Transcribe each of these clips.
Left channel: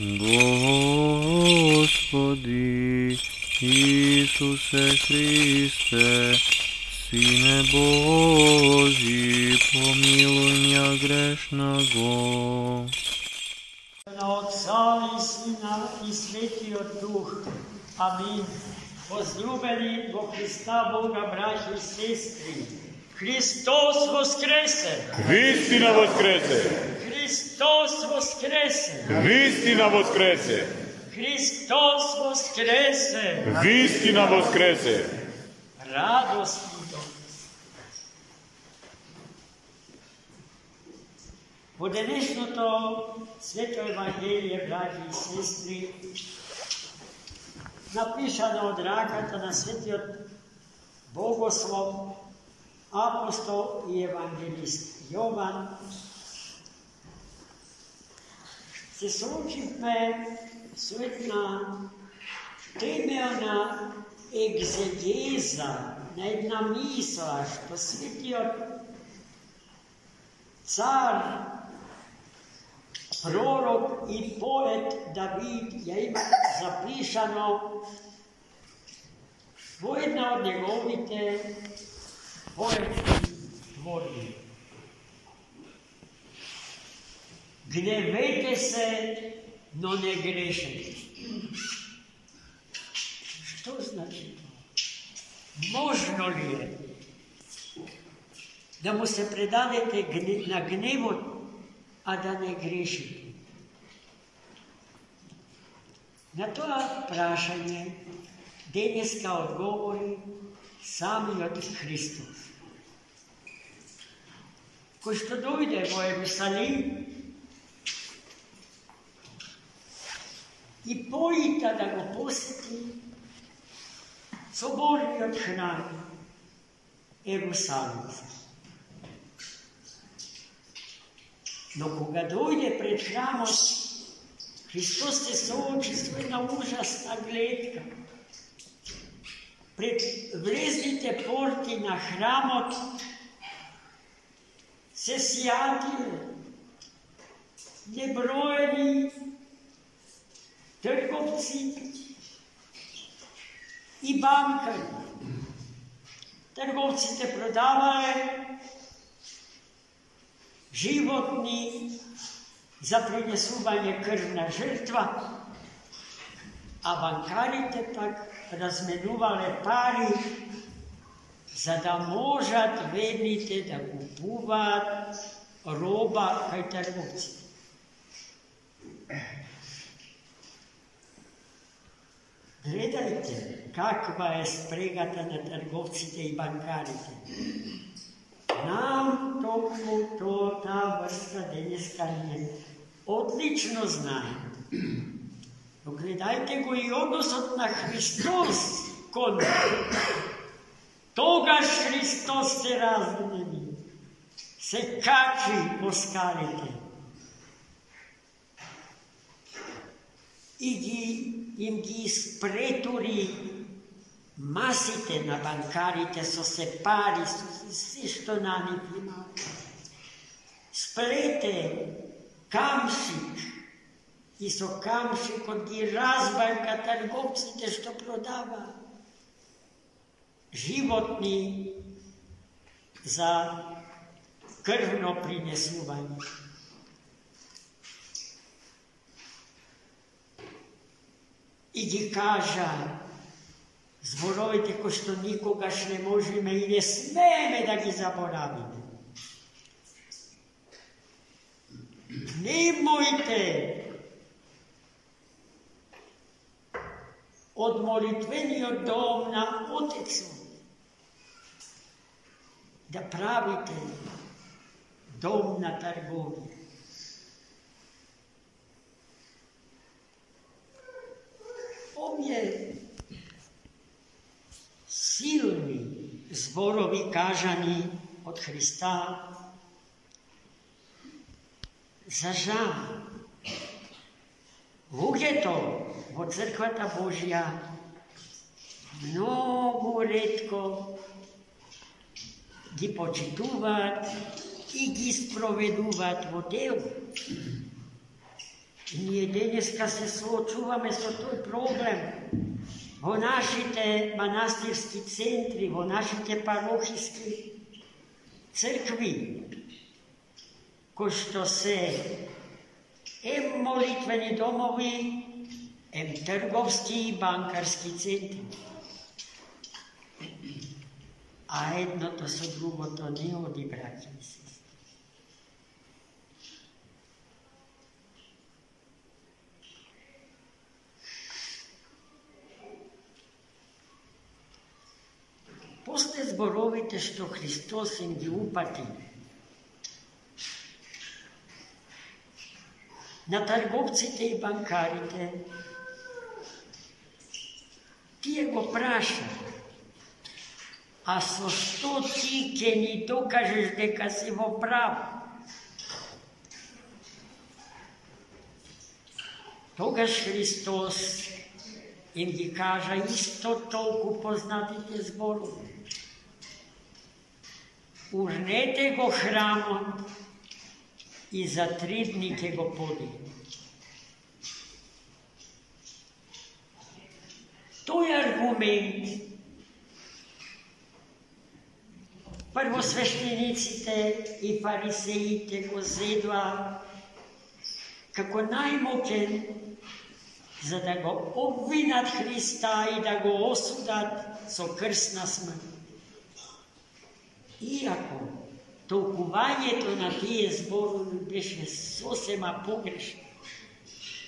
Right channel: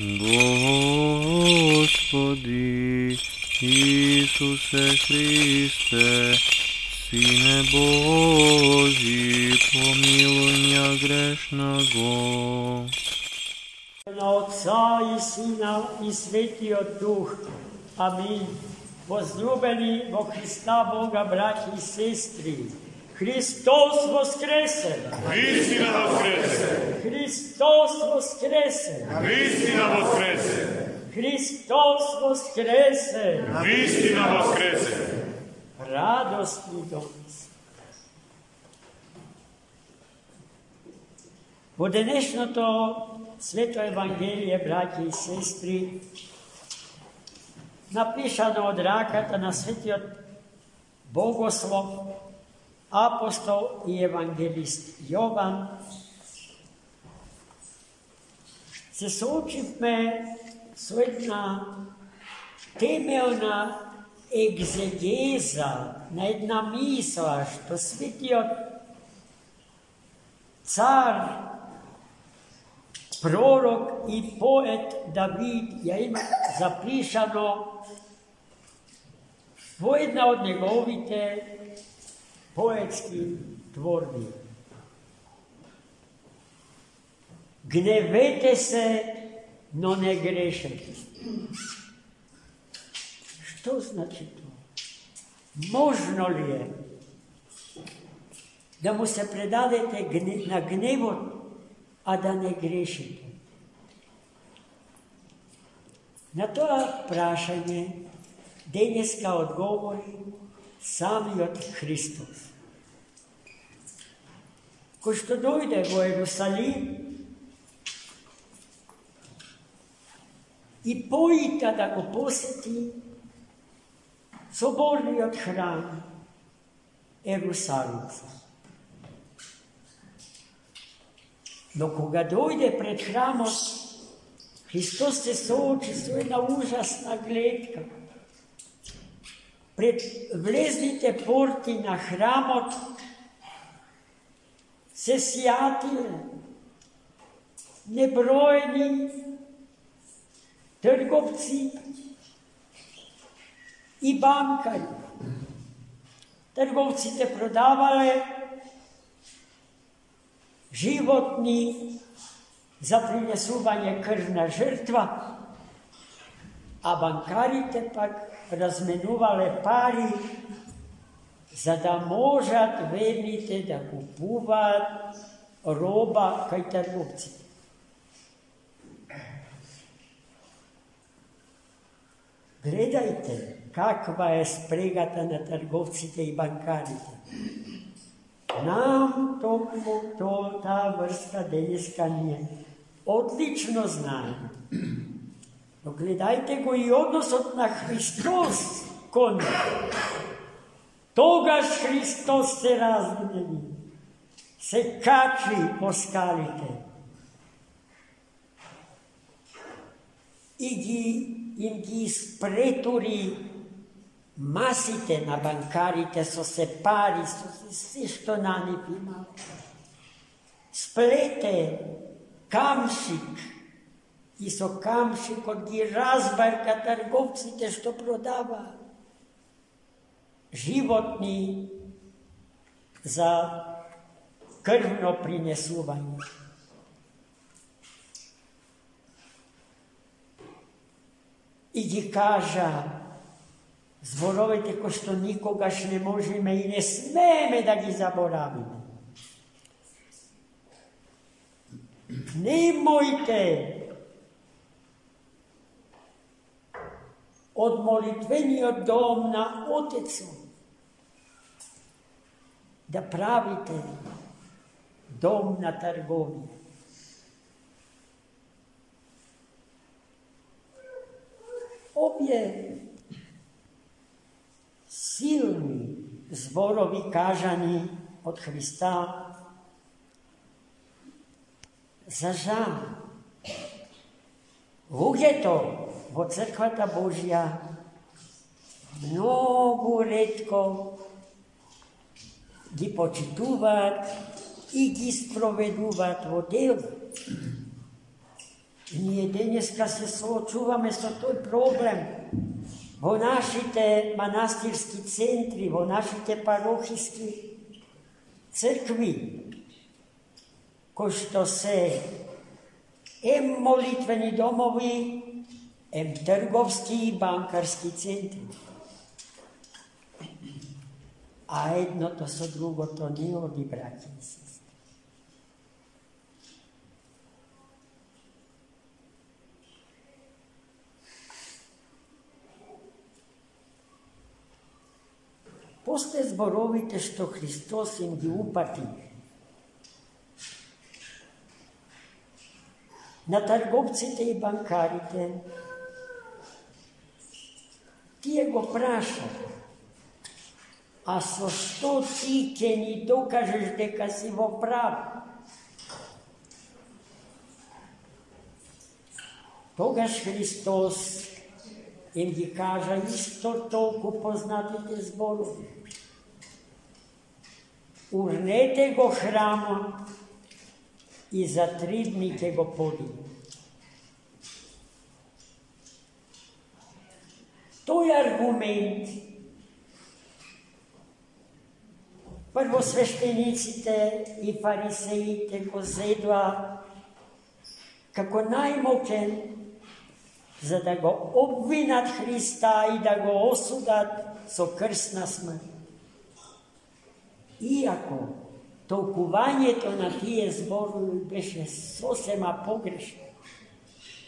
Господи Исусе Христе, Сине Божий, помилуй меня грешного. На Отца и Сина и Святия Дух. Аминь. Возлюбени во Христа Бога, братья и сестры, Христос воскресе! Истина воскресе! Христос воскресе! Истина воскресе! Христос воскресе! Истина воскресе! Радост и доблест. Во денешното Свето Евангелие, братья и сестри, напишано од раката на светиот богослов, апостол и евангелист Јован, се соочивме со една темелна екзегеза на една мисла што светиот цар, пророк и поет Давид ја има запишано во една од неговите поетски творби. Гневете се, но не грешете. Што значи тоа? Можно ли е да му се предадете на гневот, а да не грешите? На тоа прашање денеска одговори самиот Христос, кој што дојде во Ерусалим и поита да го посети соборниот храм Ерусалимска. Но кога дојде пред храмот, Христос се соочи со една ужасна гледка. Пред влезните порти на храмот се сјатиле неброени трговци и банкари. Трговците продавале животни за принесување крвна жртва, а банкарите пак разменувале пари за да можат верните да купуваат роба кај трговците. Гледајте каква е спрегата на трговците и банкарите. Нам токму таа врска денеска ние одлично знаеме. Но гледајте го и односот на Христос кон тогаш Христос се разгневи, се качи по скалите и им ги испретури масите на банкарите со се пари, со се што на нив има. Сплете камшик и со камшикот ги разбарка трговците што продава животни за крвно принесување. И ги кажа зборовите кои што никогаш не можеме и не смееме да ги заборавиме. Немојте од молитвениот дом на Отецот да правите дом на трговија. Овие силни зборови кажани од Христа за жал луѓето во црквата Божја многу ретко ги почитуваат и ги спроведуваат во дело. Ние денеска се соочуваме со тој проблем во нашите манастирски центри, во нашите парохиски цркви, кои што се молитвени домови, трговски и банкарски центри. А едното со другото не оди, браќи и сестри. После зборовите што Христос им ги упати на трговците и банкарите, тие го праша: а со што ти ќе ни докажеш дека си во право? Тогаш Христос им ги кажа исто толку познатите зборови: урнете го храмот и за 3 дни ќе го подигне. Тој аргумент првосвештениците и фарисеите го зедоа како најмоќен, за да го обвинат Христа и да го осудат со крсна смрт. Иако толкувањето на тие зборови беше сосема погрешно,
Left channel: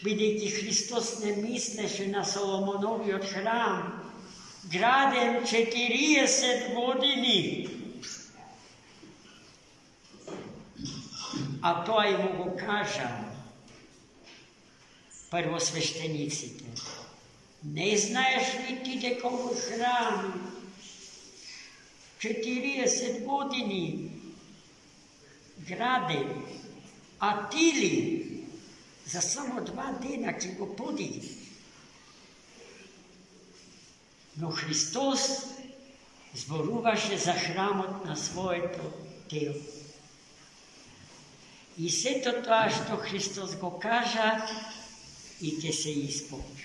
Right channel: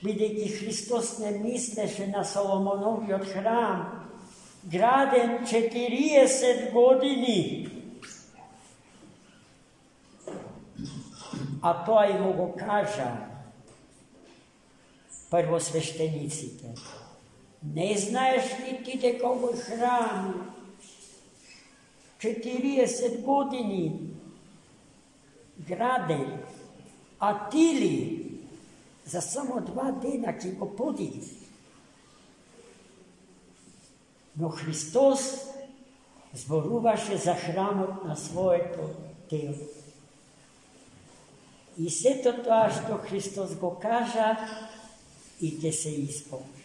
бидејќи Христос не мислеше на Соломоновиот храм, граден 40 години, а тоа и му го кажа првосвештениците: не знаеш ли ти дека овој храм 40 години граден, а ти ли за само 2 дена ќе го подигне? Но Христос зборуваше за храмот на своето тело. И сето тоа што Христос го кажа и ќе се исполни.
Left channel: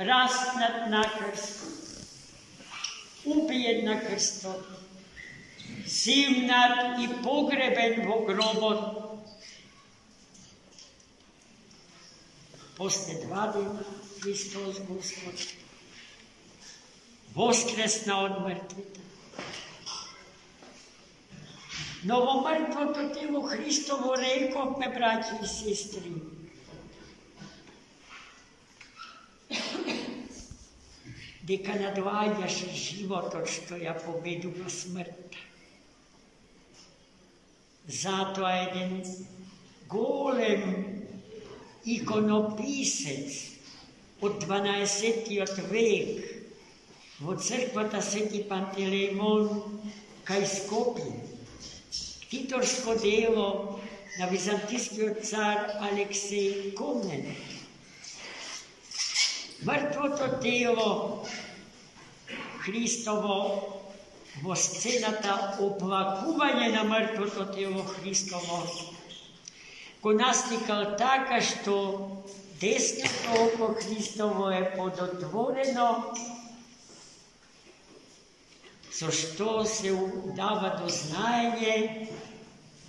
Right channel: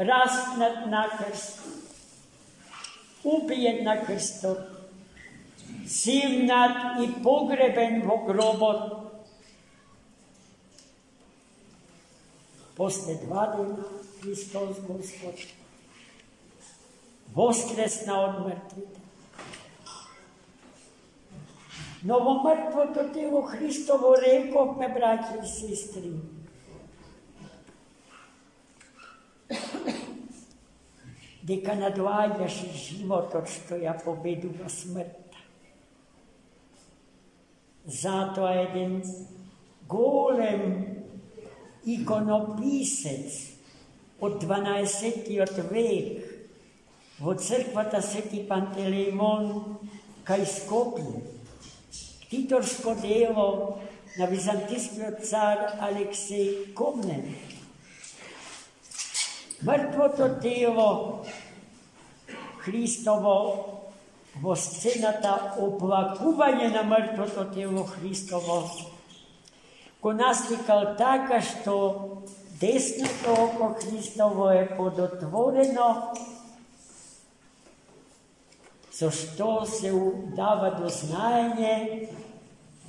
Распнат на крст, убиен на крстот, симнат и погребен во гробот. После 2 дена Христос Господ воскресна од мртвите. Но во мртвото тело Христово рековме, браќи и сестри, дека надоаѓаше животот што ја победува смртта. Затоа еден голем иконописец од 12 век во црквата Свети Пантелеймон кај Скопје, титорско дело на византискиот цар Алексеј Комнен, мртвото тело Христово во сцената оплакување на мртвото тело Христово го настикал така што десното око Христово е подотворено, со што се дава до знаење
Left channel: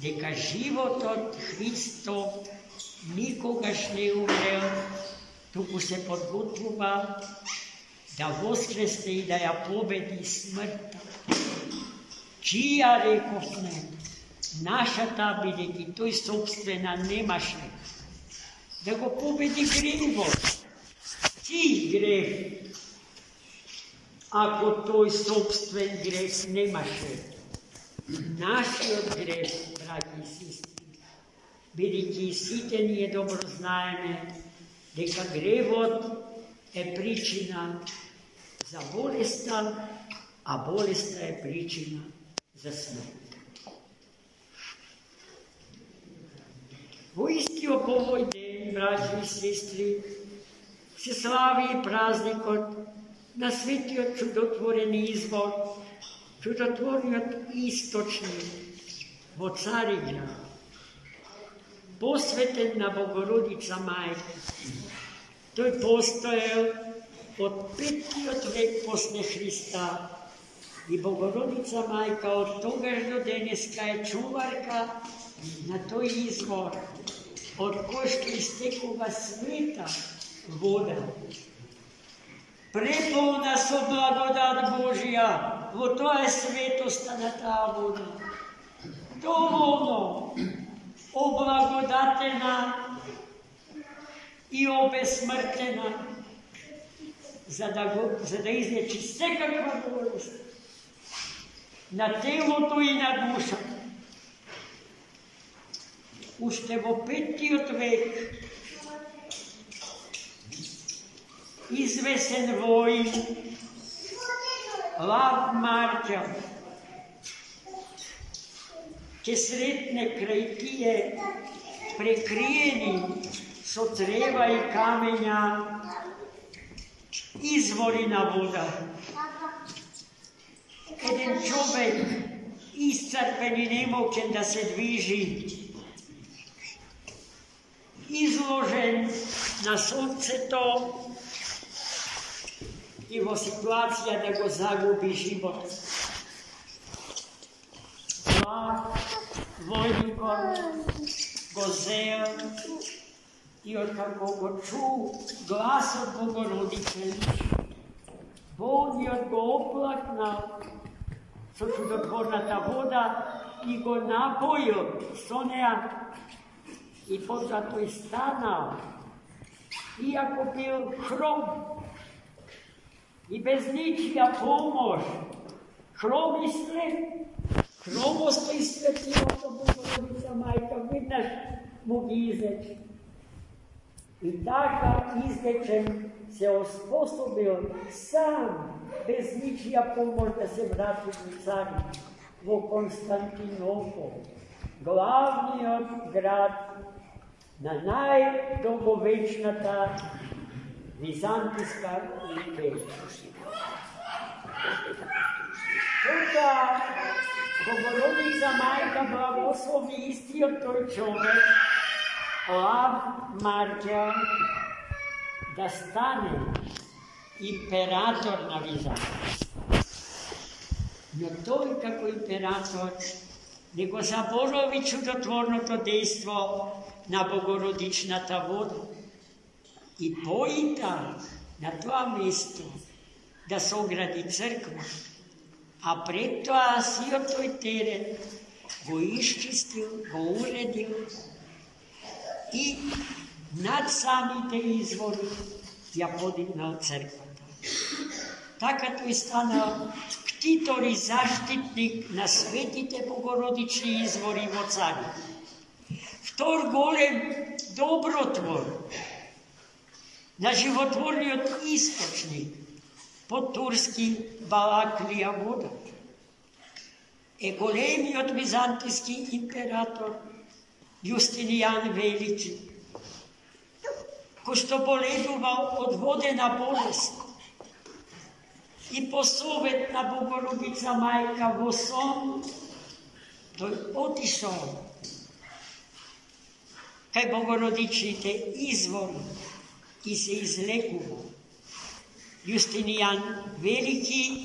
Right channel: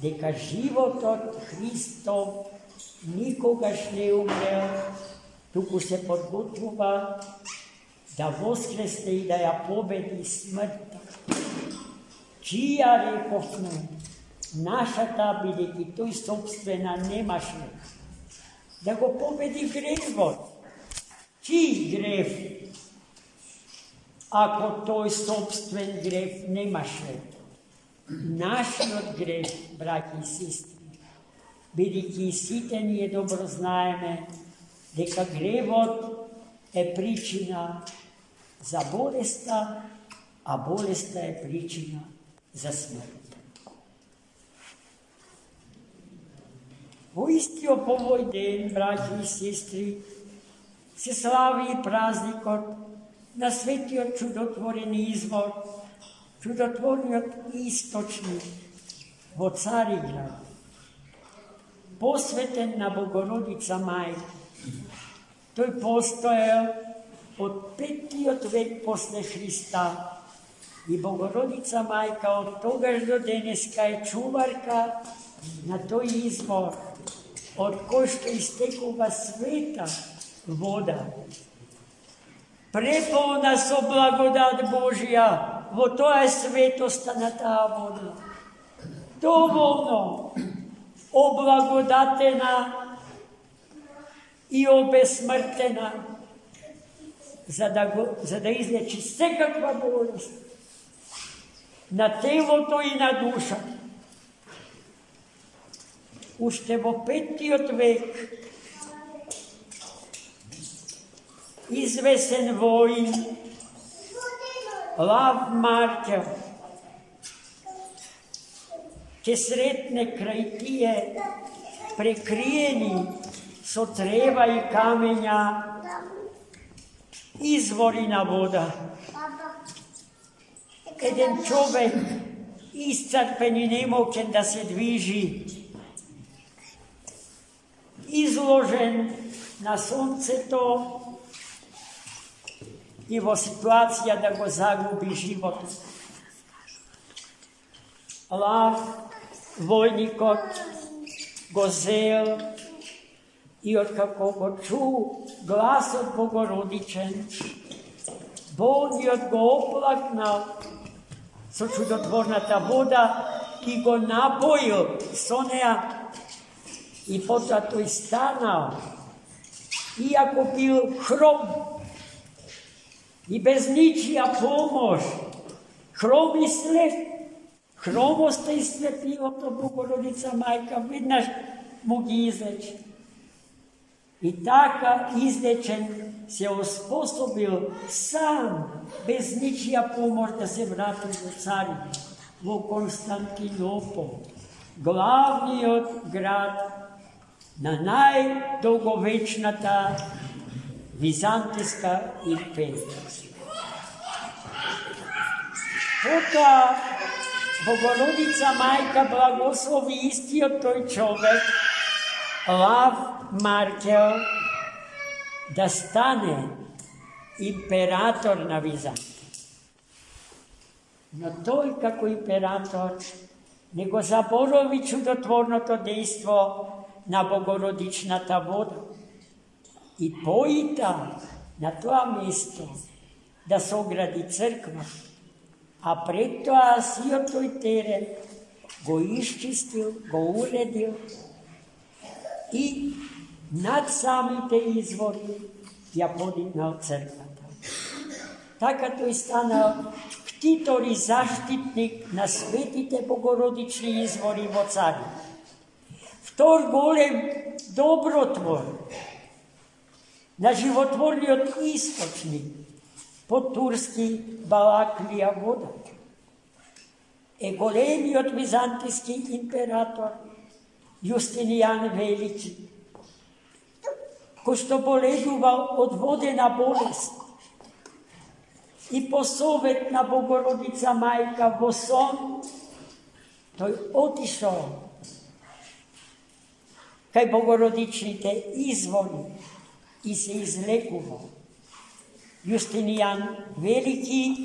дека животот Христов никогаш не умрел, туку се подготвува да воскресне и да ја победи смртта, чија рековме нашата, бидејќи тој собствена немаше, да го победи гревот. Чиј грев, ако тој собствен грев немаше? Нашиот грев, браќи и сестри, бидејќи сите ние добро знаеме дека гревот е причина за болеста, а болеста е причина за смрт. Во истиот овој ден, браќи и сестри, се слави и празникот на светиот чудотворен извор, чудотворниот источник во Цариград. posveten na Bogorodica Majka. To je postojal od 5. vek posle Hrista. I Bogorodica Majka od togaž do deneska je čuvarka na to izvor, od koške iztekoga sveta voda. Prepolna so blagodat Božja, vo to je svetosta na ta voda. Dovoljno oblagodatena i obesmrtena, za da izlječi vsekakva bolest na teloto i na duša. Ušte vo 5. vek izvesen vojn Lav Markel, ke sretne kraj tije prekrijeni so treba i kamenja izvorina voda. Eden čovek iscrpen i nemoćen da se dviži, izložen na sunce to, jeho situacija da go zagubi život. Lav, vojnikot, go zel i od kako go ču glas od Bogorodičen, Bog je od go oplaknal, so čudotvornata voda i go napojil soneja i potom je stanal, iako bil hrom i bez ničija pomož, hrom i slep, hromost i slepilo to Bogorodica Majka, vidnaš, mogi izleći. I takav izlečen se osposobil sam, bez ničija pomož, da se vrati do carina, v Konstantinopol, glavni od grad na najdolgovečnata Vizantijska imperija. Tota Bogorodica Majka blagoslovi isti od toj čovek, Lav Markel, da stane imperator na Vizantiji. No to je kako imperator, nego zaboravi čudotvorno to dejstvo na Bogorodičnata voda i pojita na to mesto da se ogradi crkva, a pred to si od toj teren go iščistil, go uredil i nad samite izvori ja podignal crkvata. Taka to je stanao ktitor i zaštitnik na svetite Bogorodični izvori vo cari. Vtor golem dobrotvor, na životvorni od istočnik, po turski Balaklija voda. E golemi od vizantijski imperator Justinijan Veliki, ko što boležuval od vode na bolest i posovetna Bogorodica Majka vo son, to je otišao kaj Bogorodičnite izvori i se izlekuvao. Justinijan Veliki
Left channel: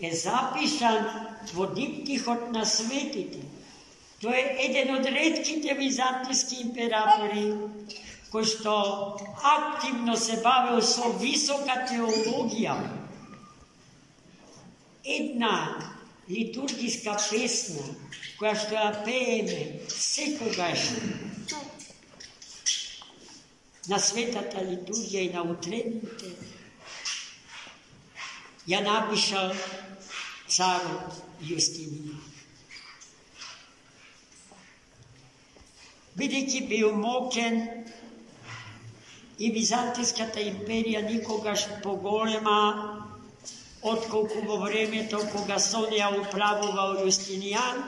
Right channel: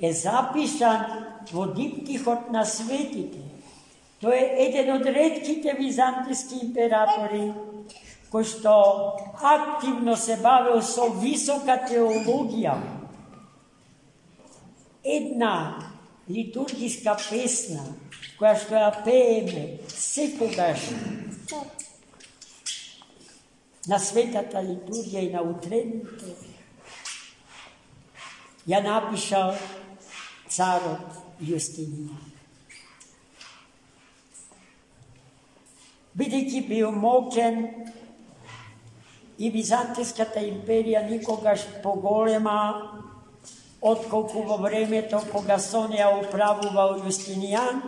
je zapisan vo diptihot na svetite. To je eden od redkite vizantijski imperatori koji što aktivno se bavio so visoka teologija. Една liturgijska pesna koja što ja pejeme sekogaš na svetata liturgija i na utrednite, ja napišal caro Justinijan. Бидејќи бил мокен и Византиската империја никогаш поголема отколку во времето кога сонеја управувал Јустинијан,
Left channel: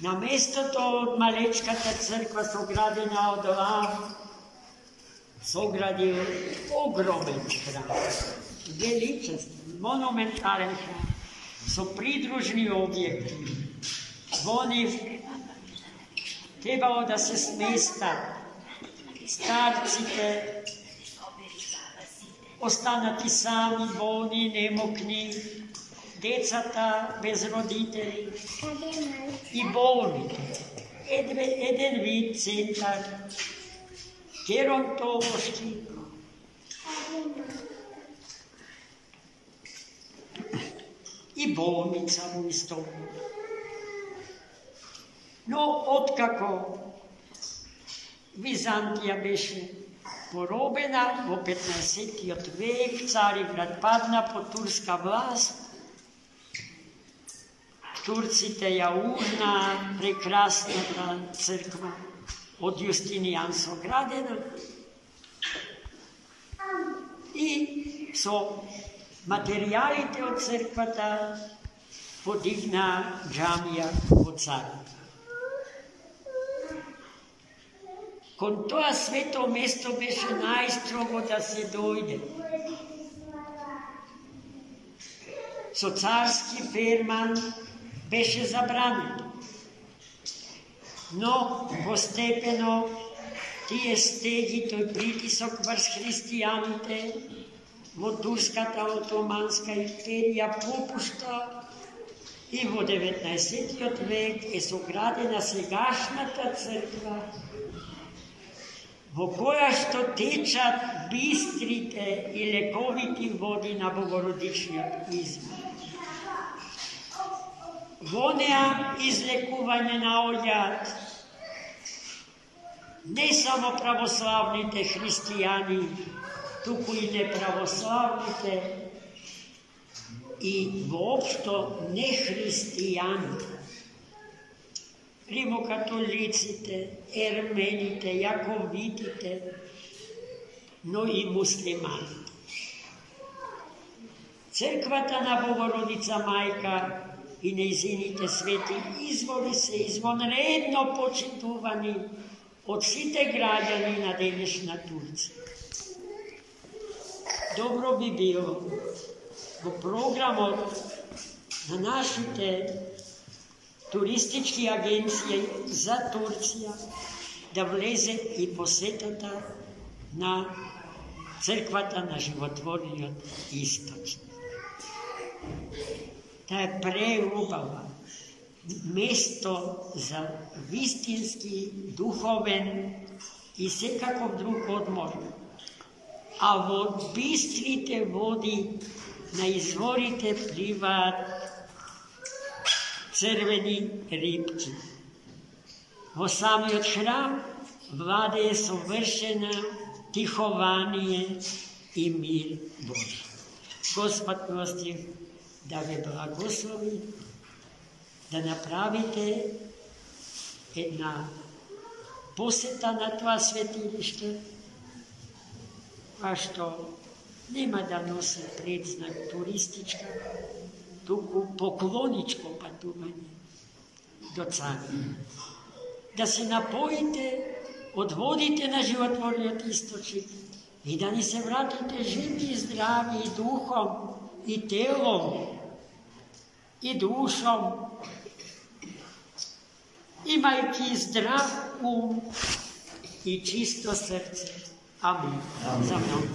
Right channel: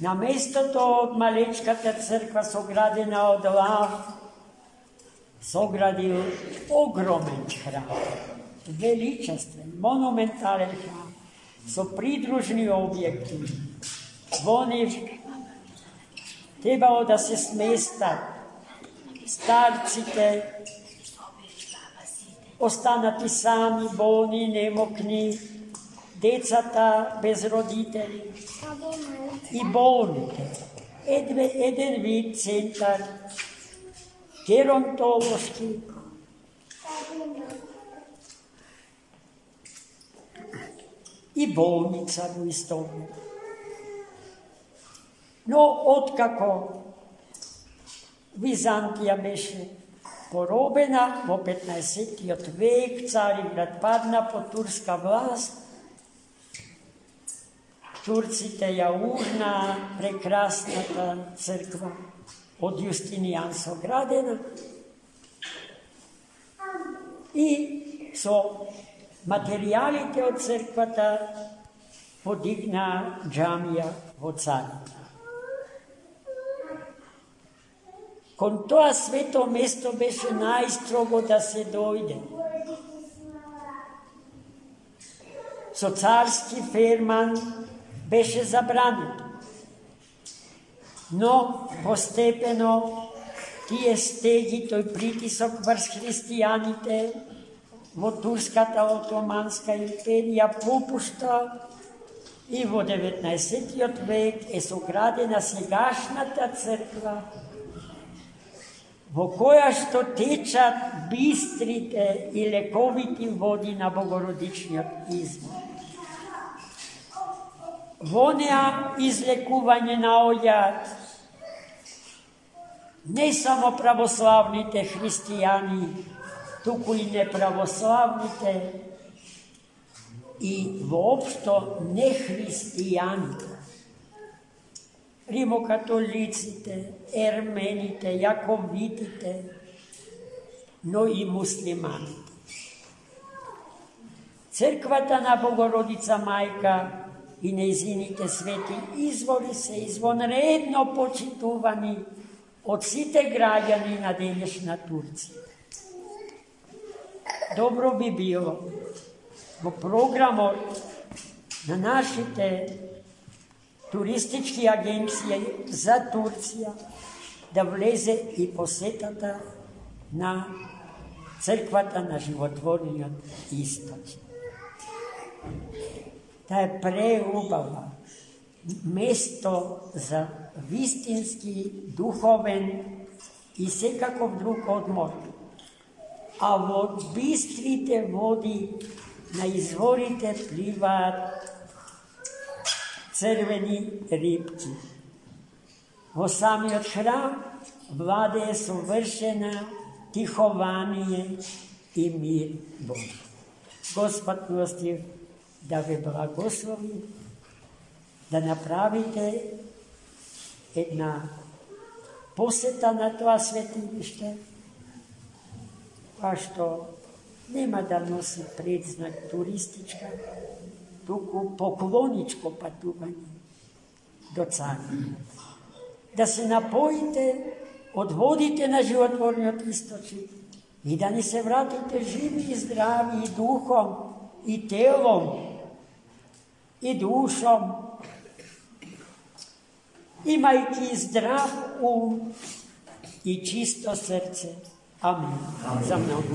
на местото од малечката црква соградена од лав, соградил огромен храм, величествен, монументален храм, со придружни објекти. Во нив trebalo da se smesta starcite, ostanati sami, bolni, nemokni, decata bez roditelji i bolni. Eden vid centar, gerontološki, i bolnica u istoriji. No, otkako Vizantija beše porobena, v 15. vek, Carigrad padna pod turska vlast, Turcite jaurna, prekrasna ta crkva od Justinijanca gradena i so materijalite od crkvata podigna džamija od Carigrada. Kon toa sveto mesto beše najstrogo da se dojde. So carski ferman beše zabranjen. No, postepeno tije stegi, toj pritisok vrš hristijanite, vo Turskata Otomanska imperija popušta i vo 19. vek je sogradena segašnata crkva, vo koja što tečat bistrite i lekoviti vodi na Bogorodični izvor. Vonea izlekuvanje na oljad, ne samo pravoslavnite hristijani, tuku i nepravoslavnite i voopšto nehristijanite. Rimokatolicite, ermenite, jakovitite, no i muslimanite. Crkvata na Bogorodica Majka i nezinite sveti izvori se izvanredno počituvani od site građani na današnja Turci. Dobro bi bilo u programu da našite turistički agencije za Turcija da vleze i posetata na crkvata na životvornija istočna. Ta je preubava mesto za vistinski, duhoven i sekakov drug odmor. A od bistrite vodi na izvorite plivat crveni ribci. Vo sami od hram vlade je sovršena tihovanije i mir Božji. Gospod prostiv da ve blagoslovi, da napravite jedna poseta na toa svetilišta, pa što nema da nosi predznak turistička, tuku pokloničko patuvanje do Carina. Da se napojite, odvodite na životvorni istočnik i da ni se vratite živi i zdravi i duhom i telom i dušom, imajki zdrav i čisto srce. Amen. Za mnogo.